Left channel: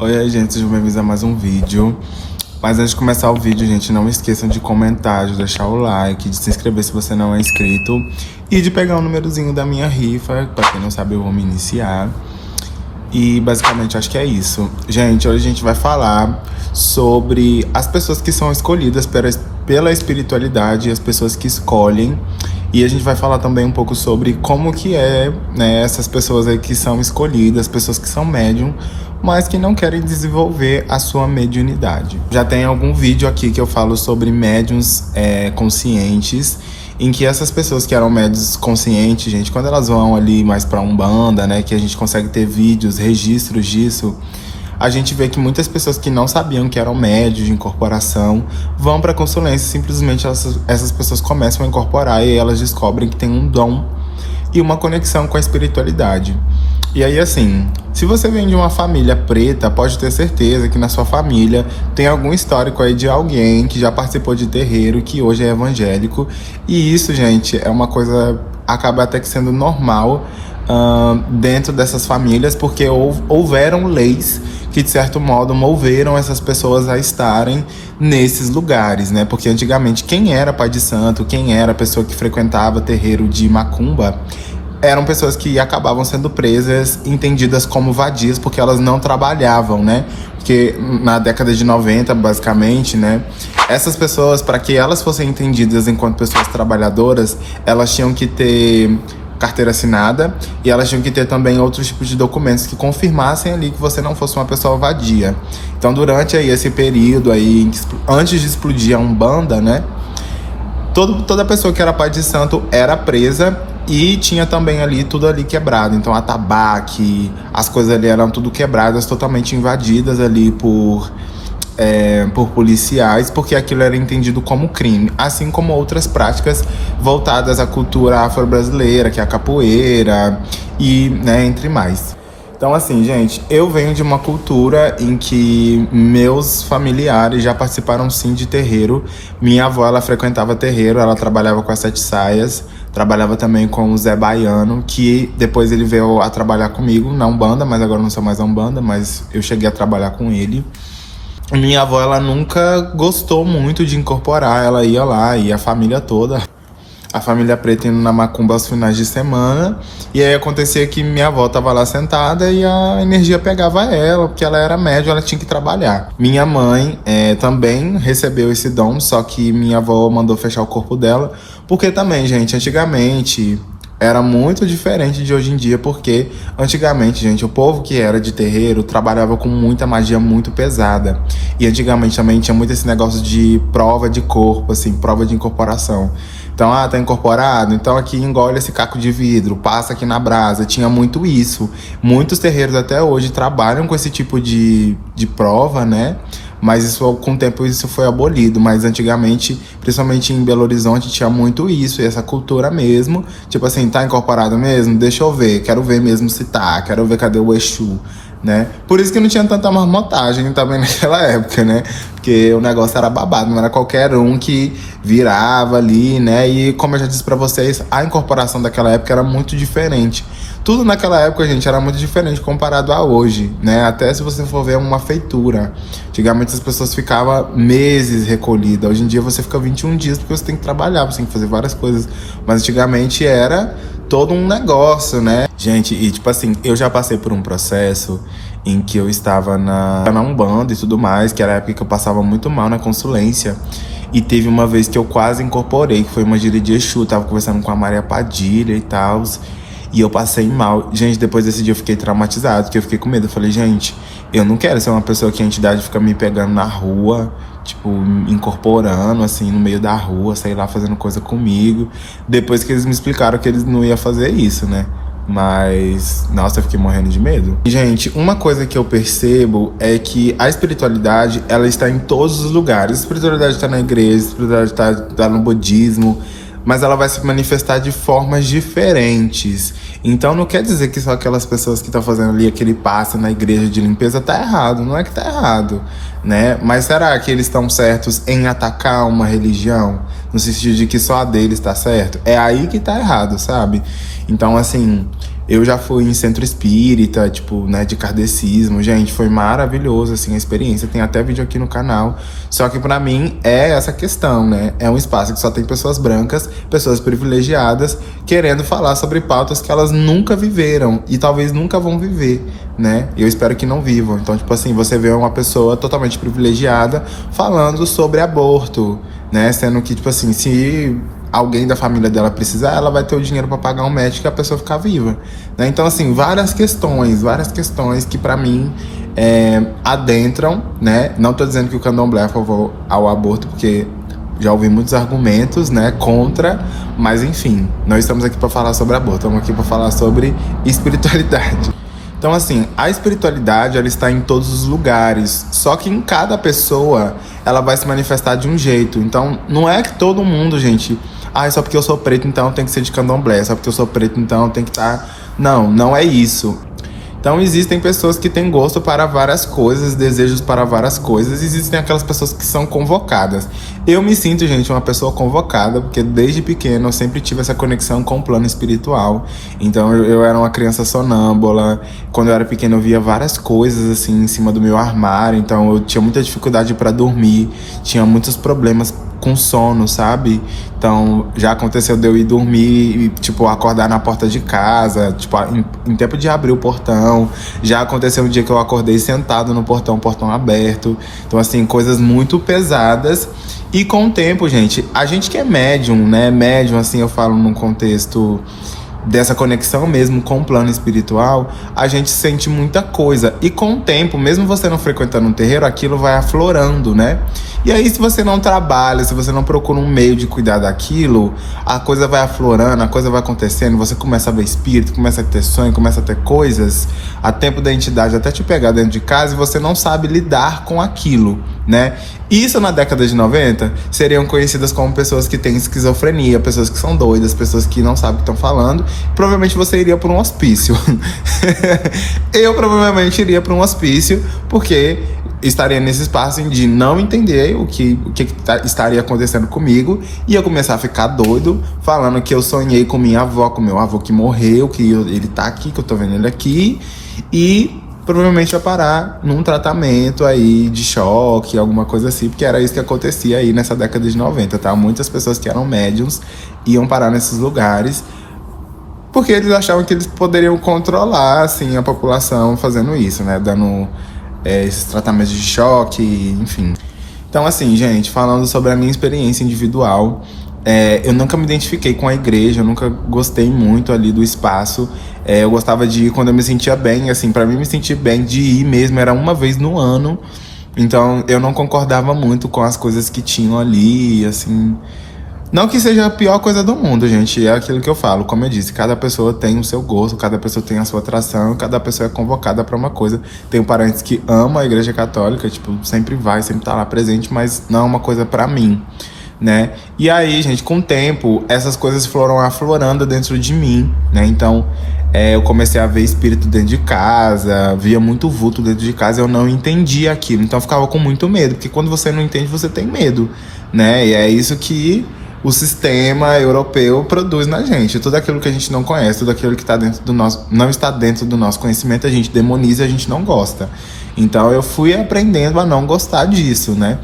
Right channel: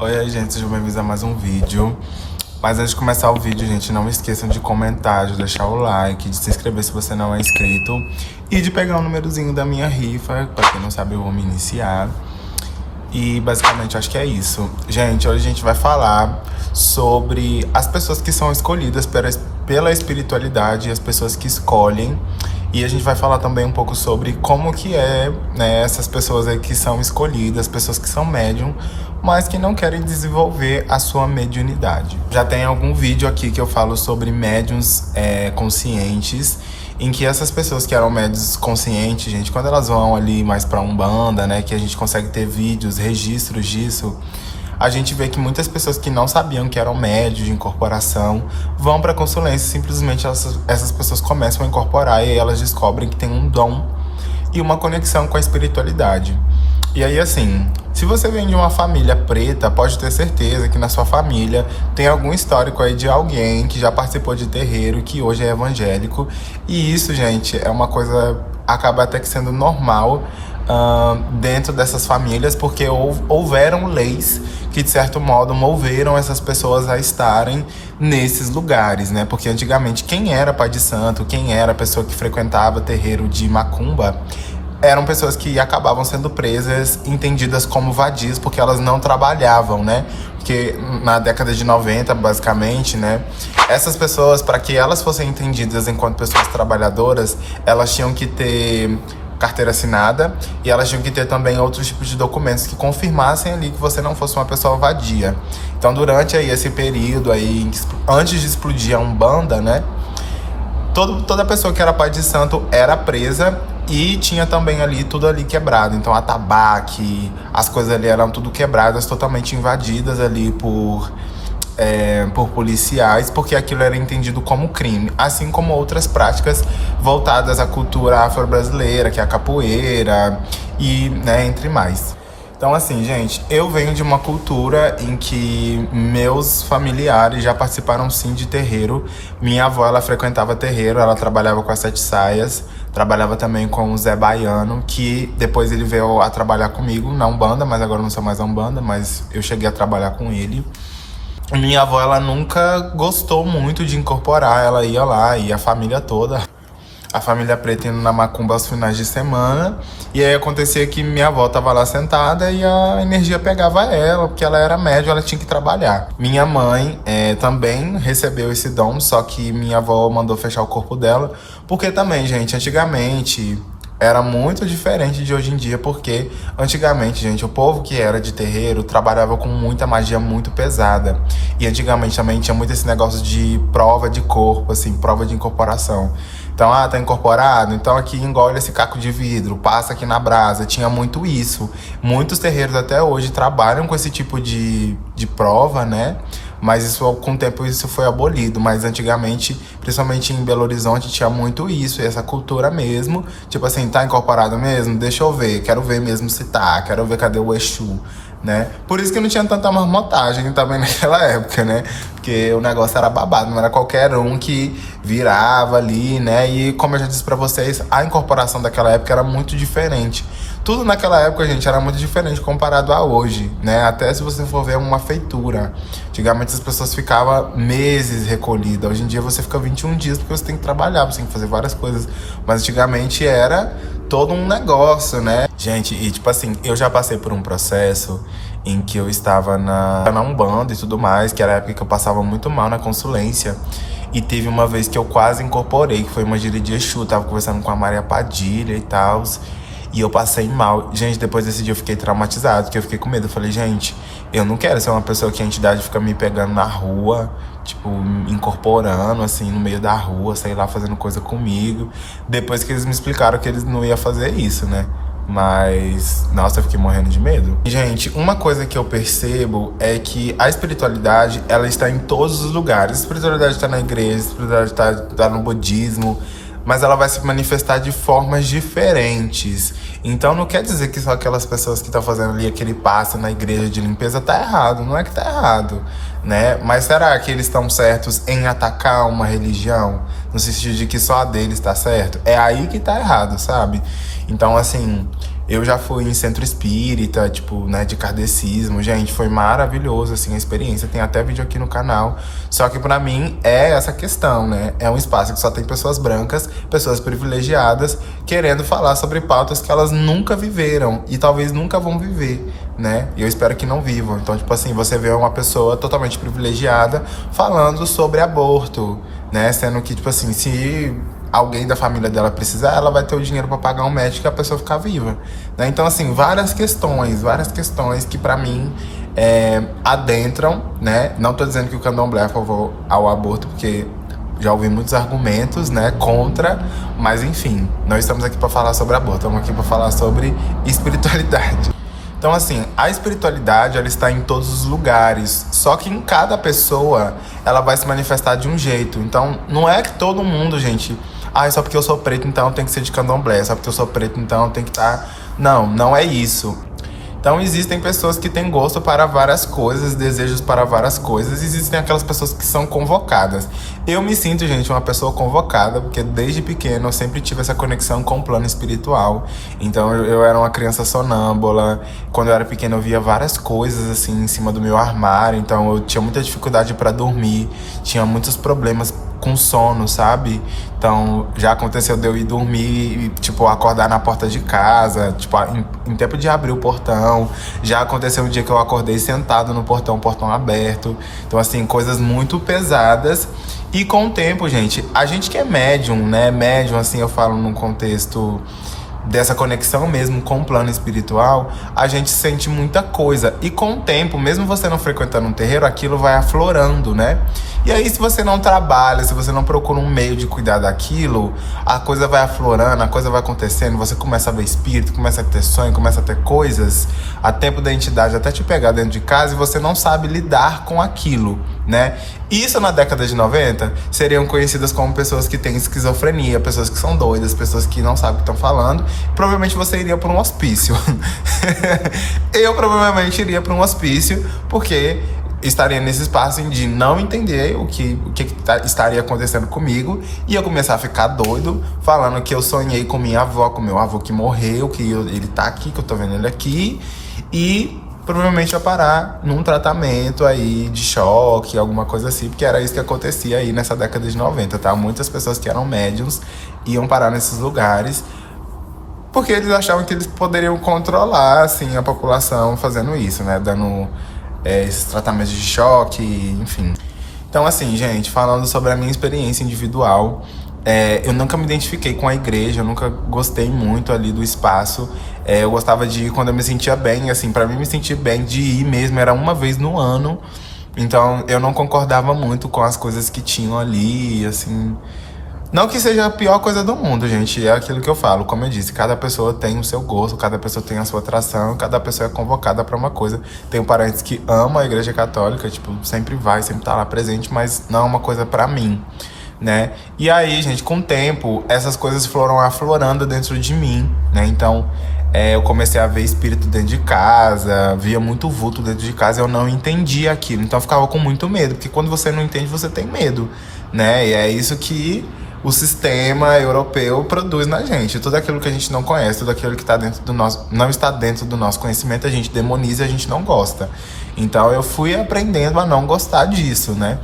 Oi aí, gente, sejam bem-vindos a mais um vídeo. Mas antes de começar o vídeo, gente, não esqueçam de comentar, de deixar o like, de se inscrever se você não é inscrito e de pegar o númerozinho da minha rifa. Pra quem não sabe, eu vou me iniciar. E basicamente acho que é isso. Gente, hoje a gente vai falar sobre as pessoas que são escolhidas pela espiritualidade, as pessoas que escolhem. E a gente vai falar também um pouco sobre como que é, né, essas pessoas aí que são escolhidas, pessoas que são médium, mas que não querem desenvolver a sua mediunidade. Já tem algum vídeo aqui que eu falo sobre médiums conscientes, em que essas pessoas que eram médiums conscientes, gente, quando elas vão ali mais pra Umbanda, né, que a gente consegue ter vídeos, registros disso, a gente vê que muitas pessoas que não sabiam que eram médios de incorporação vão para consulência, simplesmente essas pessoas começam a incorporar e elas descobrem que tem um dom e uma conexão com a espiritualidade. E aí, assim, se você vem de uma família preta, pode ter certeza que na sua família tem algum histórico aí de alguém que já participou de terreiro, que hoje é evangélico. E isso, gente, é uma coisa, acaba até que sendo normal dentro dessas famílias, porque houveram leis que de certo modo moveram essas pessoas a estarem nesses lugares, né? Porque antigamente quem era pai de santo, quem era a pessoa que frequentava terreiro de macumba, eram pessoas que acabavam sendo presas, entendidas como vadias, porque elas não trabalhavam, né? Porque na década de 90, basicamente, né? Essas pessoas, para que elas fossem entendidas enquanto pessoas trabalhadoras, elas tinham que ter carteira assinada e elas tinham que ter também outros tipos de documentos que confirmassem ali que você não fosse uma pessoa vadia. Então, durante aí esse período aí, antes de explodir a Umbanda, né? Toda pessoa que era pai de santo era presa e tinha também ali tudo ali quebrado. Então, atabaque, as coisas ali eram tudo quebradas, totalmente invadidas ali por policiais, porque aquilo era entendido como crime, assim como outras práticas voltadas à cultura afro-brasileira, que é a capoeira e, né, entre mais. Então, assim, gente, eu venho de uma cultura em que meus familiares já participaram sim de terreiro. Minha avó, ela frequentava terreiro, ela trabalhava com as Sete Saias, trabalhava também com o Zé Baiano, que depois ele veio a trabalhar comigo na Umbanda, mas agora não sou mais a Umbanda, mas eu cheguei a trabalhar com ele. Minha avó, ela nunca gostou muito de incorporar, ela ia lá, e a família toda, a família preta indo na macumba aos finais de semana, e aí acontecia que minha avó tava lá sentada e a energia pegava ela, porque ela era médium, ela tinha que trabalhar. Minha mãe também recebeu esse dom, só que minha avó mandou fechar o corpo dela, porque também, gente, antigamente era muito diferente de hoje em dia, porque antigamente, gente, o povo que era de terreiro trabalhava com muita magia muito pesada. E antigamente também tinha muito esse negócio de prova de corpo, assim, prova de incorporação. Então, tá incorporado? Então aqui engole esse caco de vidro, passa aqui na brasa. Tinha muito isso. Muitos terreiros até hoje trabalham com esse tipo de prova, né? Mas isso, com o tempo isso foi abolido. Mas antigamente, principalmente em Belo Horizonte, tinha muito isso, essa cultura mesmo. Tipo assim, tá incorporado mesmo? Deixa eu ver, quero ver mesmo se tá, quero ver cadê o Exu, né? Por isso que não tinha tanta marmotagem também naquela época, né? Porque o negócio era babado, não era qualquer um que virava ali, né? E como eu já disse pra vocês, a incorporação daquela época era muito diferente. Tudo naquela época, gente, era muito diferente comparado a hoje, né? Até se você for ver uma feitura. Antigamente as pessoas ficavam meses recolhidas. Hoje em dia você fica 21 dias porque você tem que trabalhar, você tem que fazer várias coisas. Mas antigamente era todo um negócio, né? Gente, e tipo assim, eu já passei por um processo em que eu estava na Umbanda e tudo mais, que era a época que eu passava muito mal na consulência. E teve uma vez que eu quase incorporei, que foi uma gira de Exu, tava conversando com a Maria Padilha e tal. E eu passei mal. Gente, depois desse dia eu fiquei traumatizado, porque eu fiquei com medo. Eu falei, gente, eu não quero ser uma pessoa que a entidade fica me pegando na rua, tipo, incorporando, assim, no meio da rua, sei lá, fazendo coisa comigo. Depois que eles me explicaram que eles não iam fazer isso, né? Mas, nossa, eu fiquei morrendo de medo. Gente, uma coisa que eu percebo é que a espiritualidade, ela está em todos os lugares. A espiritualidade está na igreja, a espiritualidade tá no budismo, mas ela vai se manifestar de formas diferentes. Então não quer dizer que só aquelas pessoas que estão fazendo ali aquele passe na igreja de limpeza tá errado, não é que tá errado, né? Mas será que eles estão certos em atacar uma religião? No sentido de que só a deles tá certo? É aí que tá errado, sabe? Então, assim, Eu já fui em centro espírita, tipo, né, de kardecismo. Gente, foi maravilhoso, assim, a experiência. Tem até vídeo aqui no canal. Só que pra mim é essa questão, né? É um espaço que só tem pessoas brancas, pessoas privilegiadas, querendo falar sobre pautas que elas nunca viveram e talvez nunca vão viver, né? Eu espero que não vivam. Então, tipo assim, você vê uma pessoa totalmente privilegiada falando sobre aborto, né? Sendo que, tipo assim, se alguém da família dela precisar, ela vai ter o dinheiro para pagar um médico e a pessoa ficar viva, né? Então, assim, várias questões que pra mim adentram, né? Não tô dizendo que o candomblé é a favor ao aborto, porque já ouvi muitos argumentos, né, contra, mas enfim, nós estamos aqui para falar sobre aborto, estamos aqui para falar sobre espiritualidade. Então, assim, a espiritualidade, ela está em todos os lugares, só que em cada pessoa ela vai se manifestar de um jeito. Então, não é que todo mundo, gente, só porque eu sou preto, então tem que ser de candomblé, só porque eu sou preto, então tem que estar... Não, não é isso. Então existem pessoas que têm gosto para várias coisas, desejos para várias coisas. Existem aquelas pessoas que são convocadas. Eu me sinto, gente, uma pessoa convocada, porque desde pequeno eu sempre tive essa conexão com o plano espiritual. Então eu era uma criança sonâmbula. Quando eu era pequeno eu via várias coisas assim em cima do meu armário. Então eu tinha muita dificuldade para dormir, tinha muitos problemas com sono, sabe? Então, já aconteceu de eu ir dormir e, tipo, acordar na porta de casa, tipo, em tempo de abrir o portão. Já aconteceu um dia que eu acordei sentado no portão, o portão aberto. Então, assim, coisas muito pesadas. E com o tempo, gente, a gente que é médium, né? Médium, assim, eu falo num contexto dessa conexão mesmo com o plano espiritual, a gente sente muita coisa. E com o tempo, mesmo você não frequentando um terreiro, aquilo vai aflorando, né? E aí, se você não trabalha, se você não procura um meio de cuidar daquilo, a coisa vai aflorando, a coisa vai acontecendo, você começa a ver espírito, começa a ter sonho, começa a ter coisas, a tempo da entidade até te pegar dentro de casa e você não sabe lidar com aquilo, né? Isso na década de 90 seriam conhecidas como pessoas que têm esquizofrenia, pessoas que são doidas, pessoas que não sabem o que estão falando. Provavelmente você iria para um hospício. Eu provavelmente iria para um hospício, porque estaria nesse espaço de não entender o que estaria acontecendo comigo, e eu começar a ficar doido, falando que eu sonhei com minha avó, com meu avô que morreu, que ele tá aqui, que eu tô vendo ele aqui, e provavelmente ia parar num tratamento aí de choque, alguma coisa assim, porque era isso que acontecia aí nessa década de 90, tá? Muitas pessoas que eram médiums iam parar nesses lugares, porque eles achavam que eles poderiam controlar, assim, a população fazendo isso, né? Dando esses tratamentos de choque, enfim. Então, assim, gente, falando sobre a minha experiência individual, eu nunca me identifiquei com a igreja, eu nunca gostei muito ali do espaço. Eu gostava de ir quando eu me sentia bem, assim, pra mim me sentir bem, de ir mesmo, era uma vez no ano. Então, eu não concordava muito com as coisas que tinham ali, assim... Não que seja a pior coisa do mundo, gente, é aquilo que eu falo, como eu disse, cada pessoa tem o seu gosto, cada pessoa tem a sua atração, cada pessoa é convocada pra uma coisa. Tenho parentes que amam a igreja católica, tipo, sempre vai, sempre tá lá presente, mas não é uma coisa pra mim, né? E aí, gente, com o tempo, essas coisas foram aflorando dentro de mim, né? Então, eu comecei a ver espírito dentro de casa, via muito vulto dentro de casa, eu não entendia aquilo, então eu ficava com muito medo, porque quando você não entende, você tem medo, né? E é isso que o sistema europeu produz na gente. Tudo aquilo que a gente não conhece, tudo aquilo que tá dentro do nosso, não está dentro do nosso conhecimento, a gente demoniza e a gente não gosta. Então eu fui aprendendo a não gostar disso, né?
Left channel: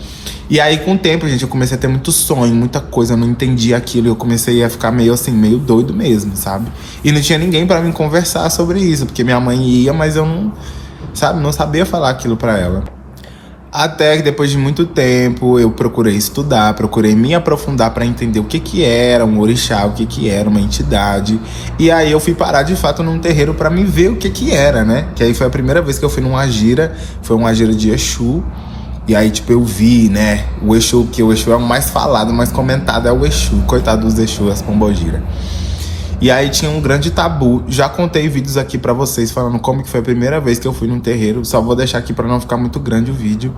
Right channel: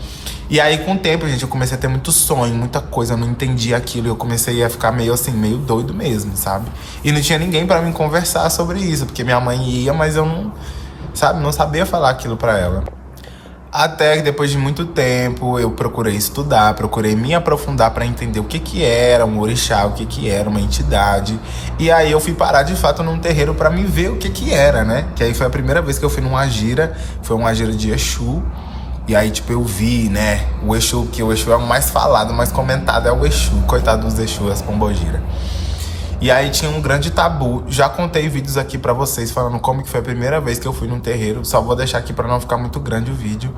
E aí com o tempo, gente, eu comecei a ter muito sonho, muita coisa, eu não entendia aquilo, eu comecei a ficar meio assim, meio doido mesmo, sabe? E não tinha ninguém pra me conversar sobre isso, porque minha mãe ia, mas eu não, sabe, não sabia falar aquilo pra ela. Até que depois de muito tempo eu procurei estudar, procurei me aprofundar para entender o que que era um orixá, o que que era uma entidade. E aí eu fui parar de fato num terreiro para me ver o que que era, né? Que aí foi a primeira vez que eu fui numa gira, foi uma gira de Exu. E aí, tipo, eu vi, né, o Exu, que o Exu é o mais falado, mais comentado, é o Exu. Coitado dos Exu, as pombogiras. E aí tinha um grande tabu. Já contei vídeos aqui pra vocês falando como que foi a primeira vez que eu fui num terreiro. Só vou deixar aqui pra não ficar muito grande o vídeo.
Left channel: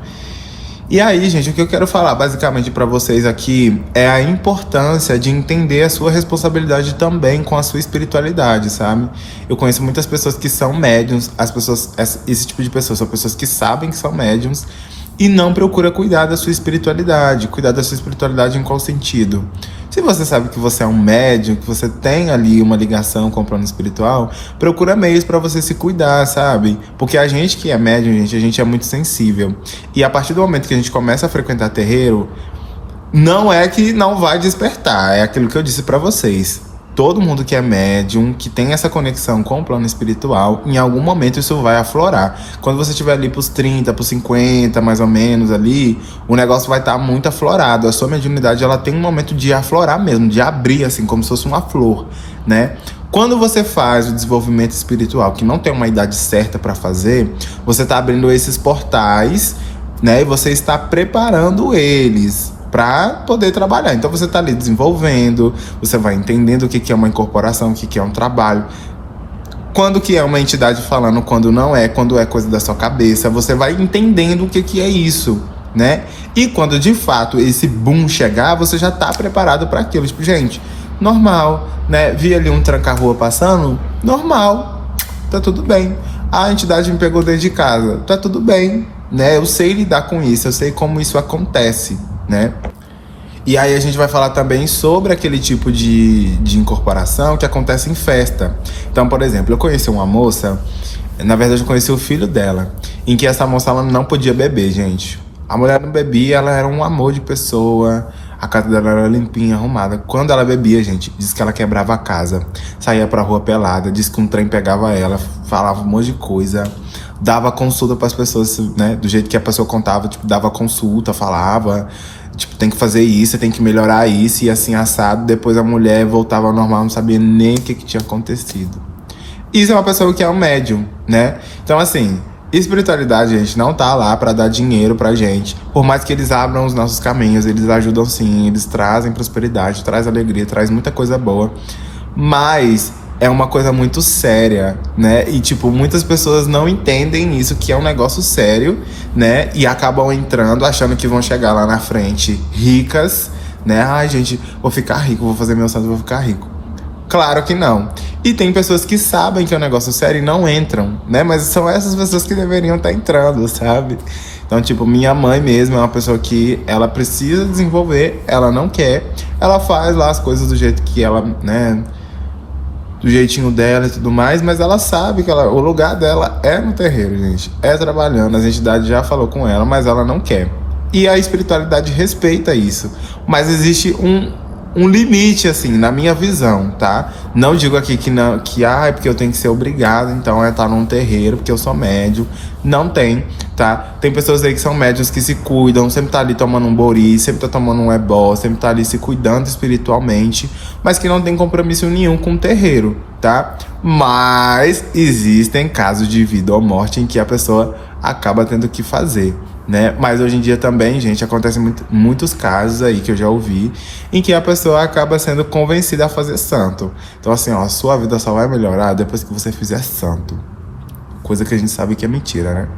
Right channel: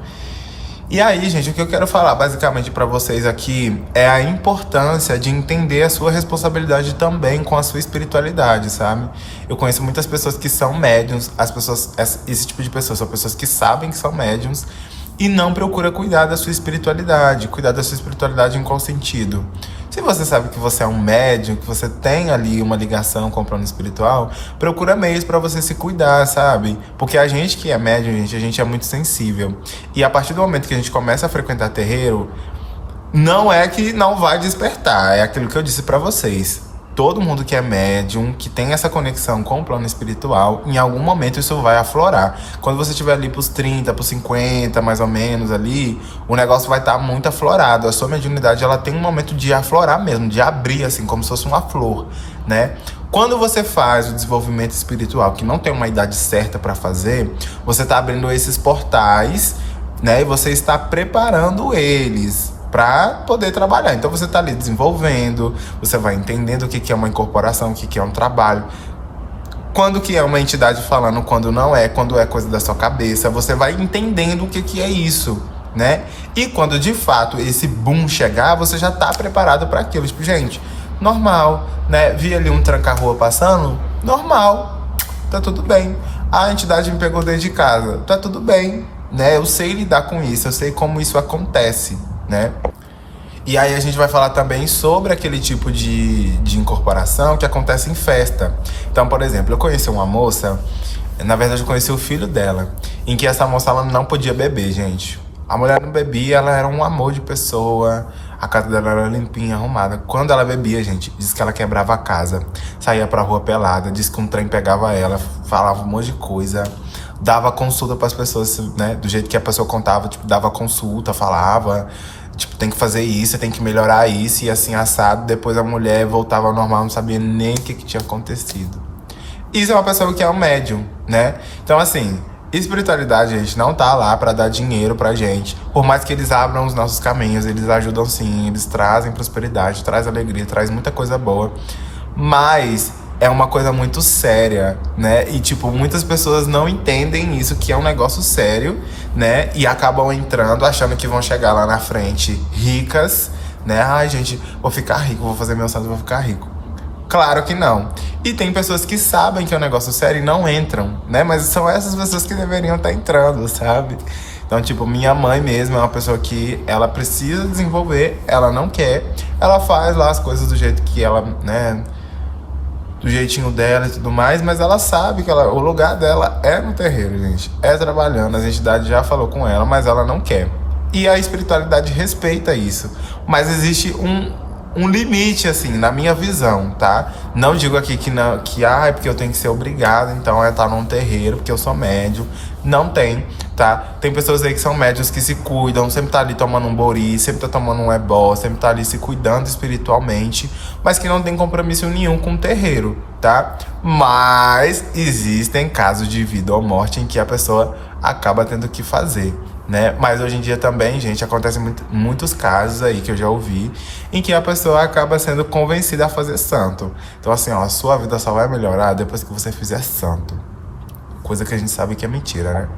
E aí, gente, o que eu quero falar basicamente pra vocês aqui é a importância de entender a sua responsabilidade também com a sua espiritualidade, sabe? Eu conheço muitas pessoas que são médiums, esse tipo de pessoas são pessoas que sabem que são médiums e não procura cuidar da sua espiritualidade. Cuidar da sua espiritualidade em qual sentido? Se você sabe que você é um médium, que você tem ali uma ligação com o plano espiritual, procura meios pra você se cuidar, sabe? Porque a gente que é médium, gente, a gente é muito sensível. E a partir do momento que a gente começa a frequentar terreiro, não é que não vai despertar, é aquilo que eu disse pra vocês. Todo mundo que é médium, que tem essa conexão com o plano espiritual, em algum momento isso vai aflorar. Quando você estiver ali pros 30, pros 50, mais ou menos ali, o negócio vai estar muito aflorado. A sua mediunidade, ela tem um momento de aflorar mesmo, de abrir, assim, como se fosse uma flor, né? Quando você faz o desenvolvimento espiritual, que não tem uma idade certa para fazer, você está abrindo esses portais, né? E você está preparando eles para poder trabalhar. Então você está ali desenvolvendo, você vai entendendo o que é uma incorporação, o que é um trabalho, quando que é uma entidade falando, quando não é, quando é coisa da sua cabeça, você vai entendendo o que é isso, né? E quando de fato esse boom chegar, você já tá preparado para aquilo. Tipo, gente, normal, né? Vi ali um tranca-rua passando, normal, tá tudo bem. A entidade me pegou dentro de casa, tá tudo bem, né? Eu sei lidar com isso, eu sei como isso acontece, né? E aí a gente vai falar também sobre aquele tipo de incorporação que acontece em festa. Então, por exemplo, eu conheci uma moça, na verdade eu conheci o filho dela, em que essa moça ela não podia beber, gente. A mulher não bebia, ela era um amor de pessoa, a casa dela era limpinha, arrumada. Quando ela bebia, gente, disse que ela quebrava a casa, saía pra rua pelada, disse que um trem pegava ela, falava um monte de coisa, dava consulta pras pessoas, né, do jeito que a pessoa contava, tipo, dava consulta, falava... Tipo, tem que fazer isso, tem que melhorar isso, e assim, assado. Depois a mulher voltava ao normal, não sabia nem o que tinha acontecido. Isso é uma pessoa que é um médium, né? Então, assim, espiritualidade, gente, não tá lá pra dar dinheiro pra gente. Por mais que eles abram os nossos caminhos, eles ajudam sim, eles trazem prosperidade, traz alegria, traz muita coisa boa. Mas... é uma coisa muito séria, né? E, tipo, muitas pessoas não entendem isso, que é um negócio sério, né? E acabam entrando, achando que vão chegar lá na frente ricas, né? Ai, gente, vou ficar rico, vou fazer meu santo, vou ficar rico. Claro que não. E tem pessoas que sabem que é um negócio sério e não entram, né? Mas são essas pessoas que deveriam estar entrando, sabe? Então, tipo, minha mãe mesmo é uma pessoa que ela precisa desenvolver, ela não quer, ela faz lá as coisas do jeito que ela, né... do jeitinho dela e tudo mais, mas ela sabe que o lugar dela é no terreiro, gente. É trabalhando, as entidades já falou com ela, mas ela não quer. E a espiritualidade respeita isso. Mas existe um limite, assim, na minha visão, tá? Não digo aqui que não, que é porque eu tenho que ser obrigado, então, a estar num terreiro, porque eu sou médium. Não tem, tá? Tem pessoas aí que são médiums que se cuidam, sempre tá ali tomando um bori, sempre tá tomando um ebó, sempre tá ali se cuidando espiritualmente, mas que não tem compromisso nenhum com o terreiro, tá? Mas existem casos de vida ou morte em que a pessoa acaba tendo que fazer, né? Mas hoje em dia também, gente, acontecem muitos casos aí que eu já ouvi em que a pessoa acaba sendo convencida a fazer santo. Então, assim, ó, a sua vida só vai melhorar depois que você fizer santo. Coisa que a gente sabe que é mentira, né?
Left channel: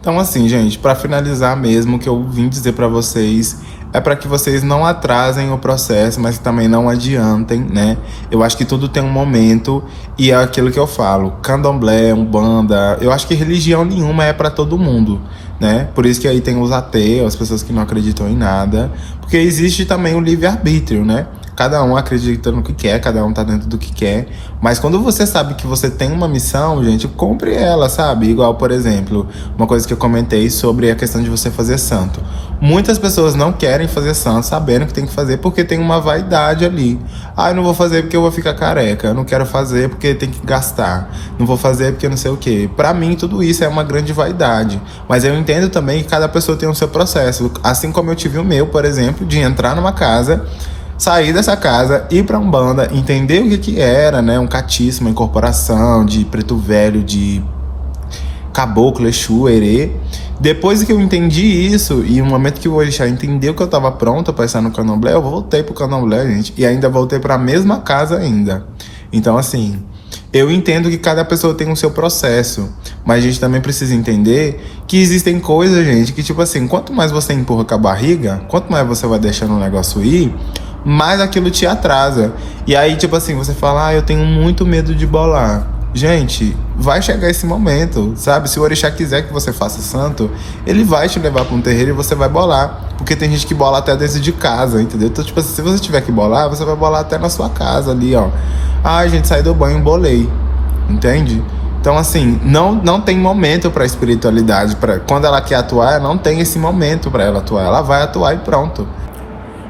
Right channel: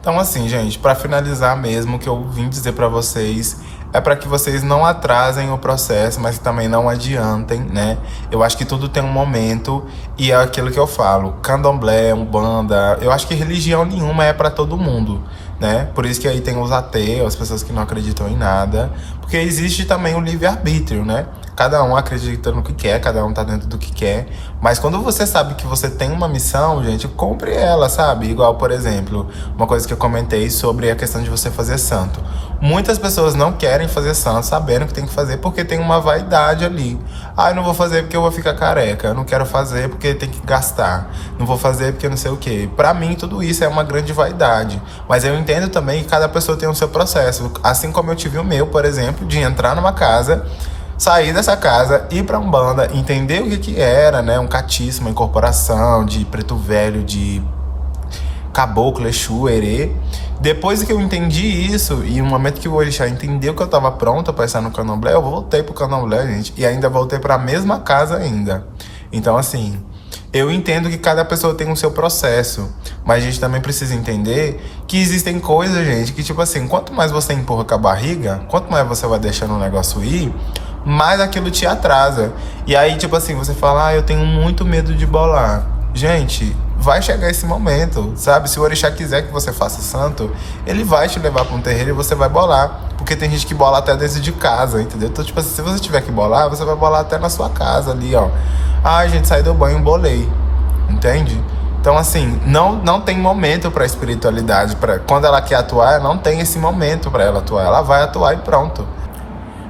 Então, assim, gente, pra finalizar mesmo, o que eu vim dizer pra vocês é pra que vocês não atrasem o processo, mas que também não adiantem, né? Eu acho que tudo tem um momento e é aquilo que eu falo. Candomblé, umbanda, eu acho que religião nenhuma é pra todo mundo, né? Por isso que aí tem os ateus, as pessoas que não acreditam em nada, porque existe também o livre-arbítrio, né? Cada um acredita no que quer, cada um tá dentro do que quer. Mas quando você sabe que você tem uma missão, gente, cumpre ela, sabe? Igual, por exemplo, uma coisa que eu comentei sobre a questão de você fazer santo. Muitas pessoas não querem fazer santo, sabendo que tem que fazer porque tem uma vaidade ali. Ah, eu não vou fazer porque eu vou ficar careca. Eu não quero fazer porque tem que gastar. Não vou fazer porque não sei o quê. Pra mim, tudo isso é uma grande vaidade. Mas eu entendo também que cada pessoa tem o seu processo. Assim como eu tive o meu, por exemplo, de entrar numa casa, sair dessa casa, ir pra Umbanda, entender o que era, né? Um catiço, uma incorporação de preto velho, de caboclo, exu, erê. Depois que eu entendi isso, e no momento que o orixá entendeu que eu tava pronta pra estar no candomblé, eu voltei pro candomblé, gente. E ainda voltei pra mesma casa ainda. Então, assim, eu entendo que cada pessoa tem o seu processo. Mas a gente também precisa entender que existem coisas, gente, que tipo assim, quanto mais você empurra com a barriga, quanto mais você vai deixando o negócio ir, mais aquilo te atrasa. E aí, tipo assim, você fala, eu tenho muito medo de bolar. gente, vai chegar esse momento, sabe? Se o orixá quiser que você faça santo, ele vai te levar para um terreiro e você vai bolar. Porque tem gente que bola até dentro de casa, entendeu? Então, tipo assim, se você tiver que bolar, você vai bolar até na sua casa ali, ó. Ah, gente, saí do banho, bolei. Entende? Então, assim, não tem momento para espiritualidade. Quando ela quer atuar, não tem esse momento para ela atuar. Ela vai atuar e pronto.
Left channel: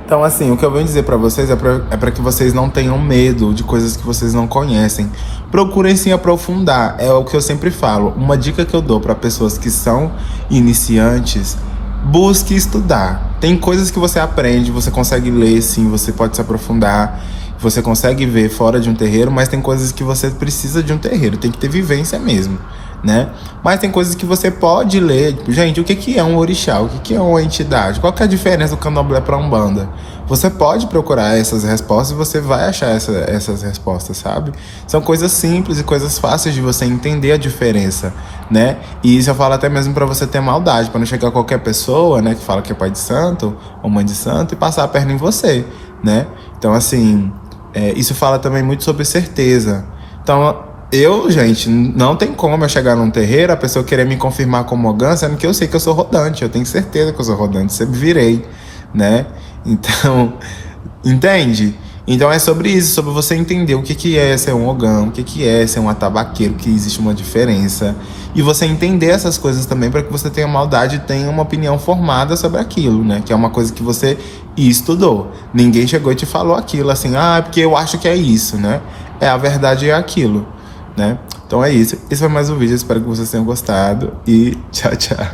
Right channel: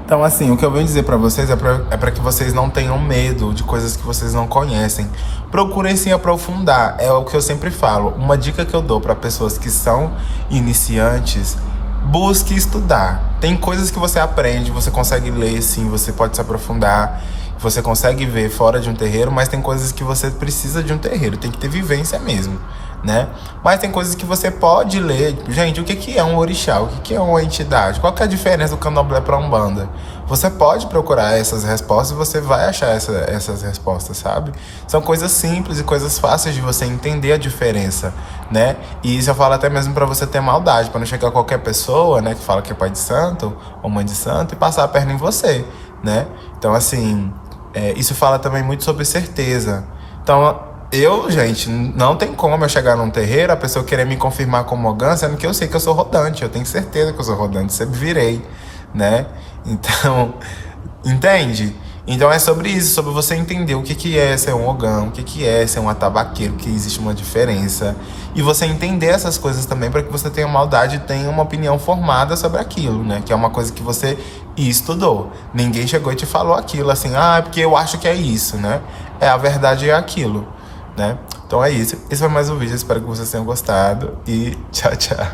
Então, assim, o que eu venho dizer pra vocês é pra que vocês não tenham medo de coisas que vocês não conhecem. Procurem se aprofundar, é o que eu sempre falo. Uma dica que eu dou pra pessoas que são iniciantes: busque estudar. Tem coisas que você aprende, você consegue ler, sim, você pode se aprofundar, você consegue ver fora de um terreiro, mas tem coisas que você precisa de um terreiro, tem que ter vivência mesmo, né? Mas tem coisas que você pode ler, tipo, gente, o que que é um orixá? O que que é uma entidade? Qual que é a diferença do candomblé para umbanda? Você pode procurar essas respostas e você vai achar essas respostas, sabe? São coisas simples e coisas fáceis de você entender a diferença, né? E isso eu falo até mesmo para você ter maldade, para não chegar qualquer pessoa, né, que fala que é pai de santo ou mãe de santo e passar a perna em você, né? Então, assim, isso fala também muito sobre certeza. Então, gente, não tem como eu chegar num terreiro, a pessoa querer me confirmar como Ogã, sendo que eu sei que eu sou rodante, eu tenho certeza que eu sou rodante, sempre virei, né? Então, entende? Então é sobre isso, sobre você entender o que que é ser um Ogã, o que que é ser um atabaqueiro, que existe uma diferença. E você entender essas coisas também para que você tenha maldade e tenha uma opinião formada sobre aquilo, né? Que é uma coisa que você estudou. Ninguém chegou e te falou aquilo assim, ah, é porque eu acho que é isso, né? A verdade é aquilo, né? Então é isso. Esse foi mais um vídeo, espero que vocês tenham gostado e tchau, tchau.